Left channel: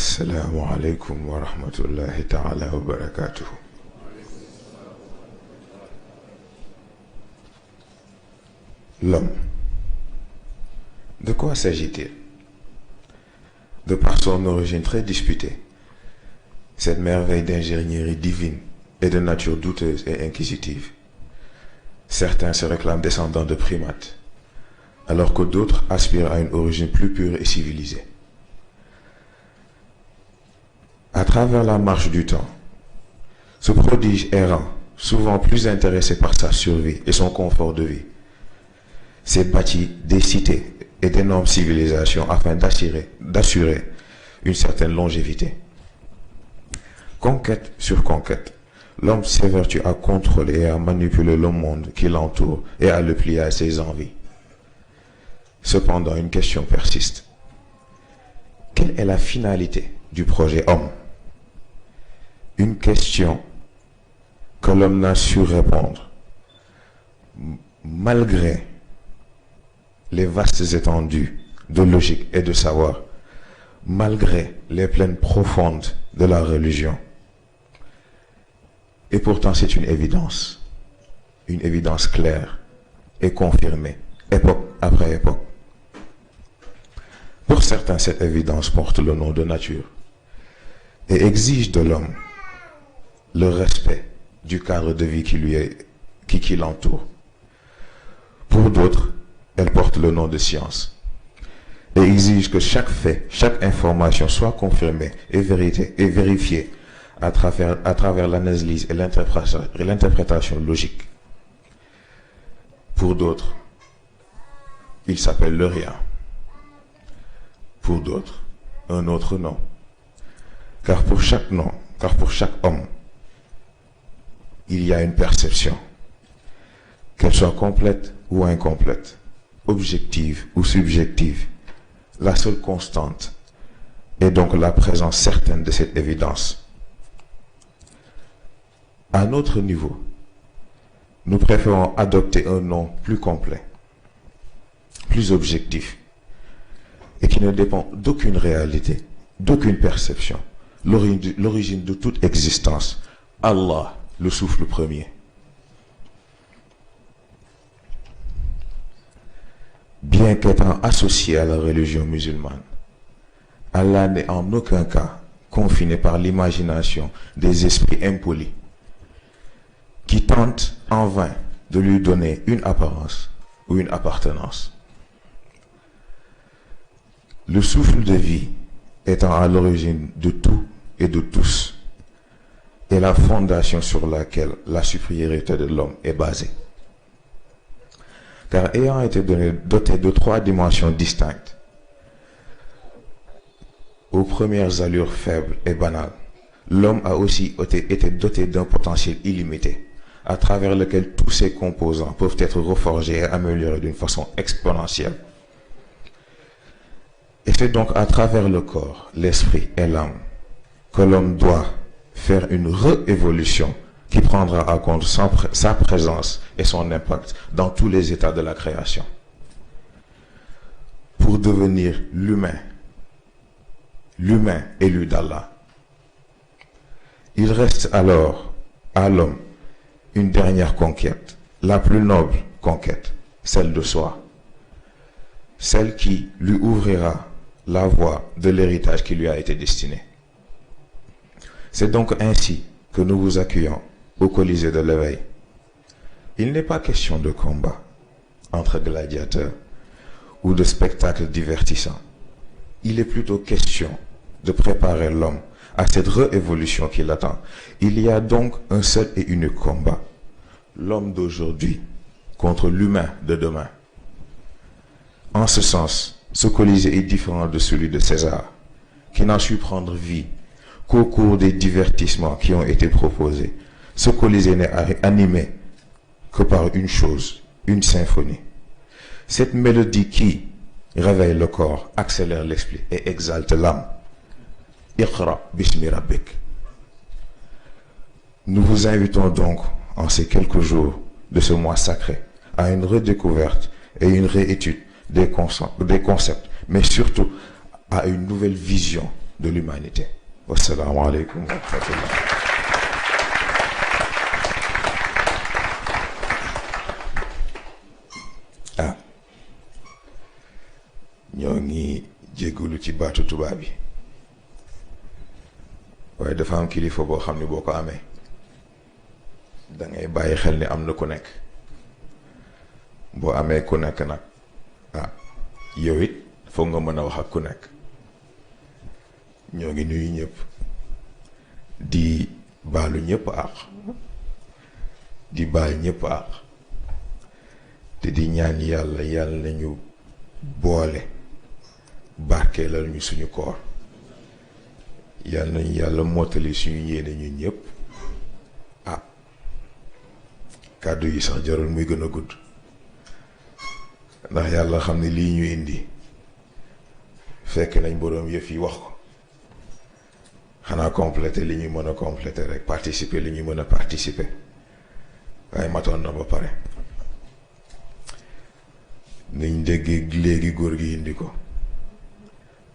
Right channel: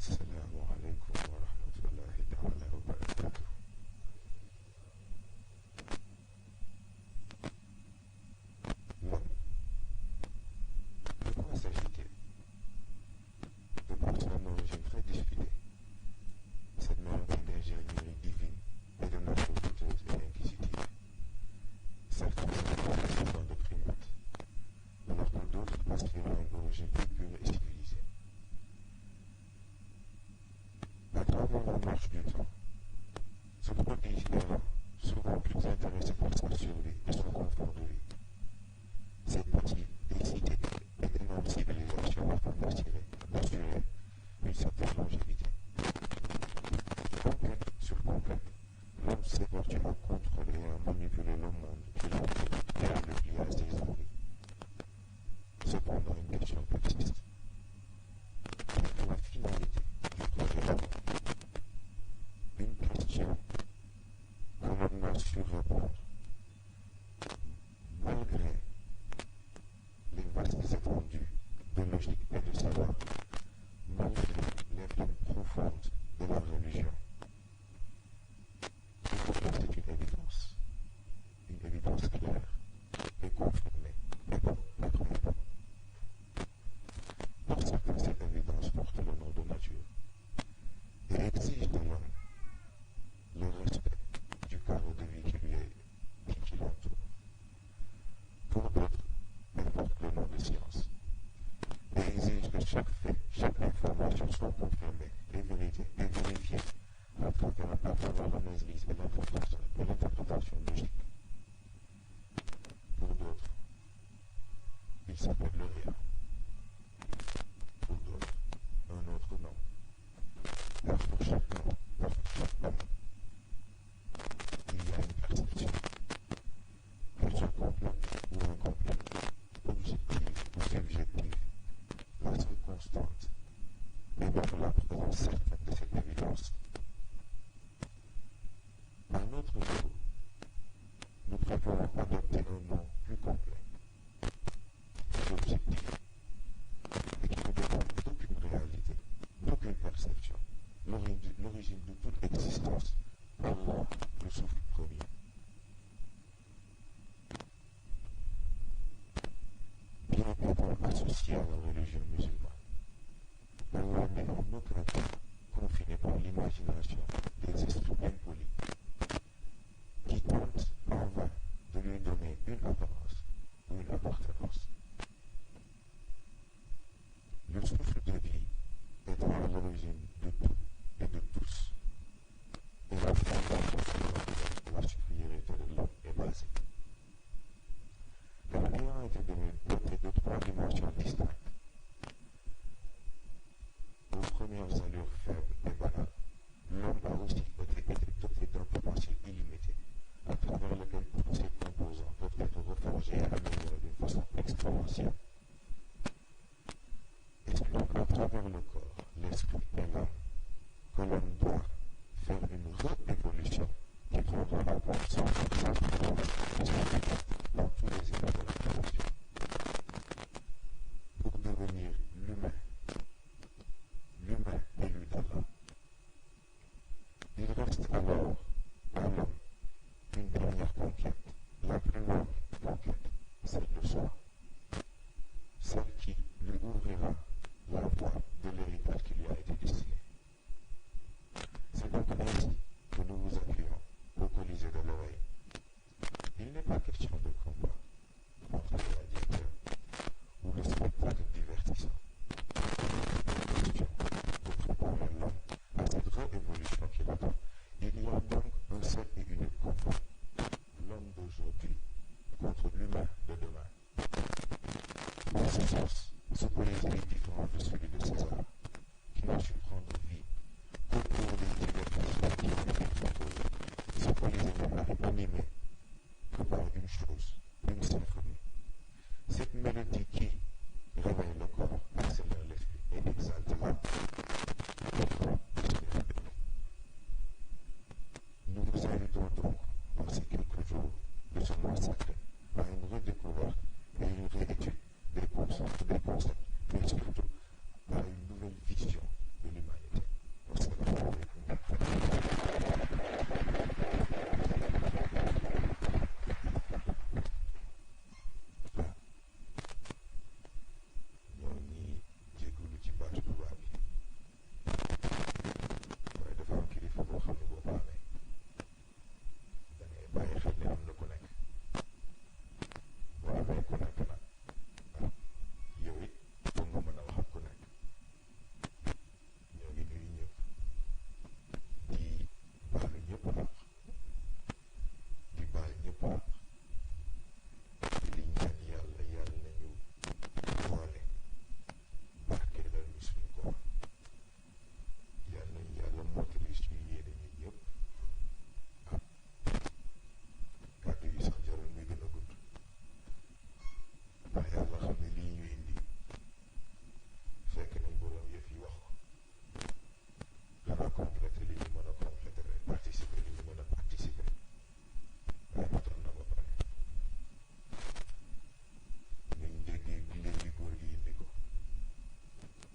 Assalamu alaikum wa rahmatullahi ta'ala wa barakatuh. L'homme. De quoi s'agit-il? De par son origine très disputée, cette merveille d'ingénierie divine est de nature douteuse et inquisitive. Certains se réclament descendants de primates, alors que d'autres aspirent à une origine plus pure et civilisée. À travers la marche du temps, ce prodige errant, souvent plus intéressé par sa survie et son confort de vie, s'est bâti des cités et d'énormes civilisations afin d'assurer une certaine longévité. Conquête sur conquête, l'homme s'évertue à contrôler et à manipuler le monde qui l'entoure et à le plier à ses envies. Cependant, une question persiste. Quelle est la finalité du projet homme? Une question que l'homme n'a su répondre, malgré les vastes étendues de logique et de savoir, malgré les plaines profondes de la religion. Et pourtant, c'est une évidence claire et confirmée, époque après époque. Pour certains, cette évidence porte le nom de nature et exige de l'homme le respect du cadre de vie qui l'entoure. Pour d'autres, elle porte le nom de science et exige que chaque fait, chaque information soit confirmée et vérifiée à travers l'analyse et l'interprétation logique. Pour d'autres, il s'appelle le rien. Pour d'autres, un autre nom. Car pour chaque homme, il y a une perception, qu'elle soit complète ou incomplète, objective ou subjective. La seule constante est donc la présence certaine de cette évidence. À notre niveau, nous préférons adopter un nom plus complet, plus objectif, et qui ne dépend d'aucune réalité, d'aucune perception, l'origine de toute existence, Allah, le souffle premier. Bien qu'étant associé à la religion musulmane, Allah n'est en aucun cas confiné par l'imagination des esprits impolis qui tentent en vain de lui donner une apparence ou une appartenance. Le souffle de vie étant à l'origine de tout et de tous, est la fondation sur laquelle la supériorité de l'homme est basée. Car ayant été doté de trois dimensions distinctes, aux premières allures faibles et banales, l'homme a aussi été doté d'un potentiel illimité, à travers lequel tous ses composants peuvent être reforgés et améliorés d'une façon exponentielle. Et c'est donc à travers le corps, l'esprit et l'âme que l'homme doit faire une réévolution qui prendra en compte sa présence et son impact dans tous les états de la création. Pour devenir l'humain élu d'Allah. Il reste alors à l'homme une dernière conquête, la plus noble conquête, celle de soi, celle qui lui ouvrira la voie de l'héritage qui lui a été destiné. C'est donc ainsi que nous vous accueillons au Colisée de l'éveil. Il n'est pas question de combat entre gladiateurs ou de spectacle divertissant. Il est plutôt question de préparer l'homme à cette réévolution qui l'attend. Il y a donc un seul et unique combat. L'homme d'aujourd'hui contre l'humain de demain. En ce sens, ce Colisée est différent de celui de César, qui n'a su prendre vie qu'au cours des divertissements qui ont été proposés. Ce Colisée n'est animé que par une chose, une symphonie. Cette mélodie qui réveille le corps, accélère l'esprit et exalte l'âme. Iqra bismi rabbik. Nous vous invitons donc, en ces quelques jours de ce mois sacré, à une redécouverte et une réétude des concepts, mais surtout à une nouvelle vision de l'humanité. Wassalamu alaikum wa rahmatullah. ñoo ngi jégalu ci baatu tubaab bi waaye dafa am kilifa boo xam ne boo ko amee da ngay bàyyi xel ni am na ku nekk boo amee ku nekk nag yow it foog nga mën a wax ak ku nekk. ñoo ngi nuyu ñëpp di baalu ñëpp àq di baal ñëpp àq te di ñaan yàlla yàlla nañu boole barkeelal ñu suñu koor yàlla nañu yàlla mottali suñu yéene ñun ñëpp. kàddu yi sax jarul muy gën a gudd ndax yàlla xam ne lii ñu indi fekk nañ boroom yëf yi wax ko xanaa compléter li ñuy mën a compléter rek participer li ñuy mën a participer waaye matoon na ba pare. niñ déggee léegi góor gi indi ko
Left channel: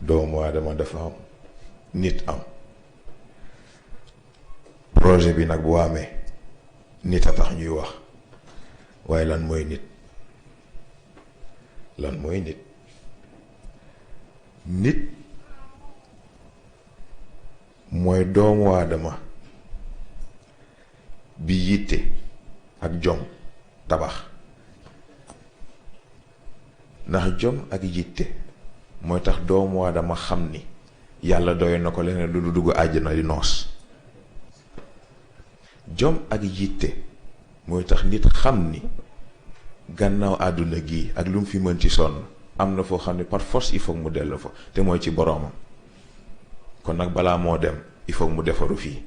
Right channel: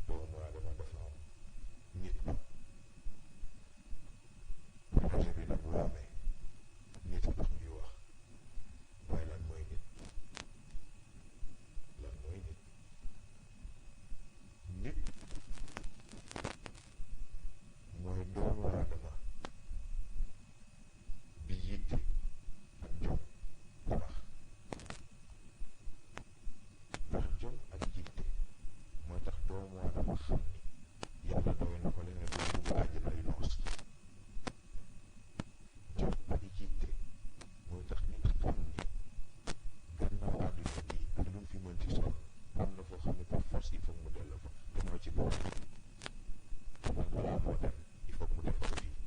doomu aadama dafa am nit am projet bi nag bu amee nit a tax ñuy wax waaye lan mooy nit nit mooy doomu aadama bi yitte ak jom tabax. ndax jom ak yitte mooy tax doomu aadama xam ni yàlla doy na ko leneen du dugg àjjana di noos. jom ak yitte mooy tax nit xam ni gannaaw àdduna gi ak lu mu fi mën ci sonn am na foo xam ne par force il faut mu dellu fa te mooy ci boroomam. kon nag balaa moo dem il faut mu defaru fii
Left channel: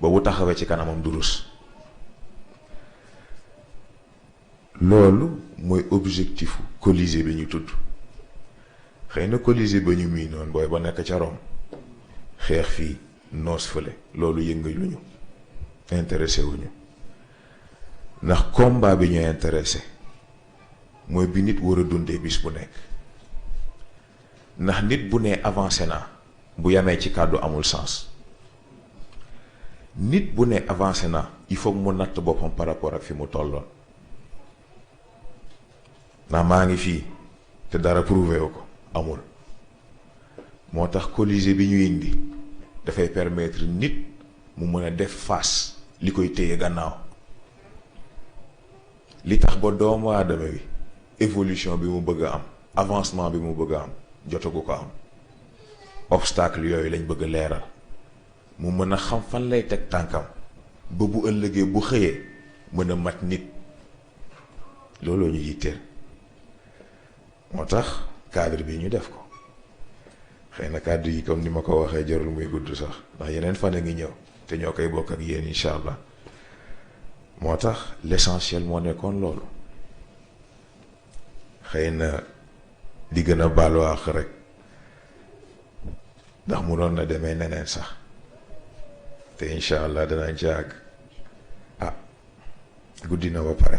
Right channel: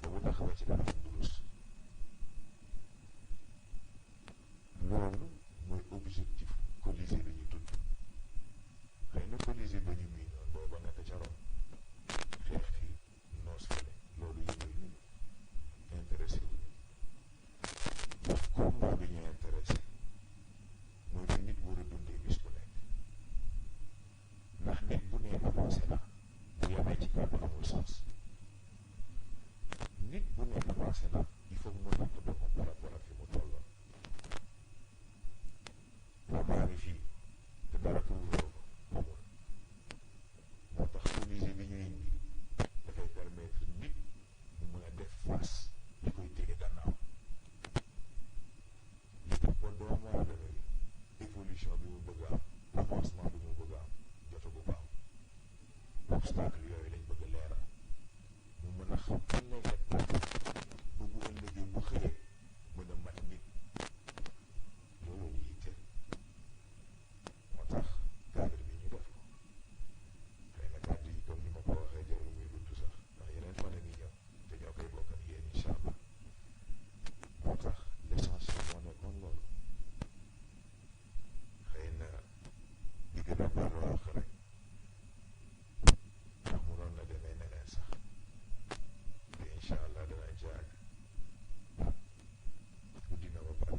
ba bu taxawee ci kanamam du rus. loolu mooy objectifu Colisée bi ñu tudd. xëy na Colisée ba ñu mii noonu booy ba nekk ca Rome xeex fii noos fële loolu yëngaluñu intéressé wuñu ndax combat bi ñu intéressé mooy bi nit war a dundee bis bu nekk. ndax nit bu nee avancé naa bu yamee ci kàddu amul sens. nit bu nee avancé naa il faut mu natt boppam par rapport ak fi mu tolloon. ndax maa ngi fii te dara prouvé wu ko amul. moo tax Colisée bi ñu indi dafay permettre nit mu mën a def face li koy téye gannaaw. li tax ba doomu aadama bi évolution bi mu bëgg a am avancement bi mu bëgg a am jotagu ko am. obstacle yooyu lañ bëgg a leeral mu mën a xam fan lay teg tànkam ba bu ëllëgee bu xëyee mën a mat nit. looloo ñu yitteel. moo tax cadre bi ñu def ko xëy na kàddu yi comme ni ma ko waxee jarul muy gudd sax ndax yeneen fan a ngi ñëw te ñoo koy bokk ak yéen incha allah. moo tax l'essentiel moo nekkoon loolu. xëy na di gën a baalu àq rek ndax mu doon na demee neneen sax te incha allah danañ ci àgg. guddi na ba pare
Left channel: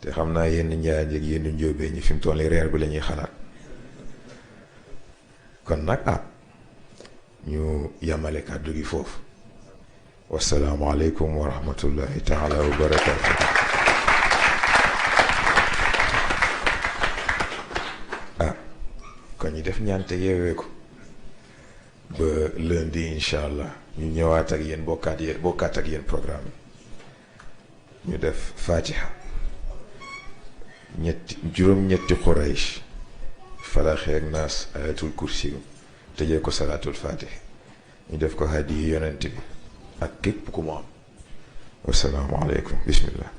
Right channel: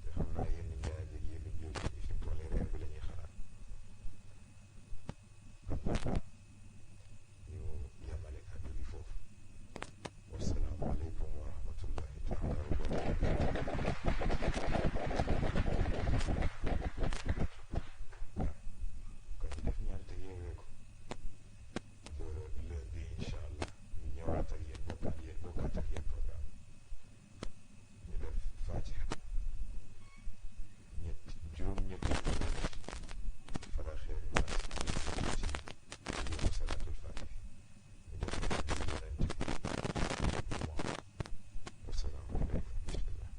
te xam naa yenn njaay ak yenn njóobee ñi fi mu toll reer bi la ñuy xalaat kon nag ñu yamale kàddu gi foofu. wassalaamu aleykum wa rahmatullahi taala wa barakaatu. kon ñu def ñaante yeewee ko ba lundi incha allah ñu ñëwaat ak yéen bokkaat ak yéen programme bi ñu def fatiha juróom-ñetti Quraysh Falaq ak Naas ayatul kursi tëjee ko salaatul fatih ñu def ko hadiya yonent bi ak képp ku mu am. wassalaamu aleykum bismillah.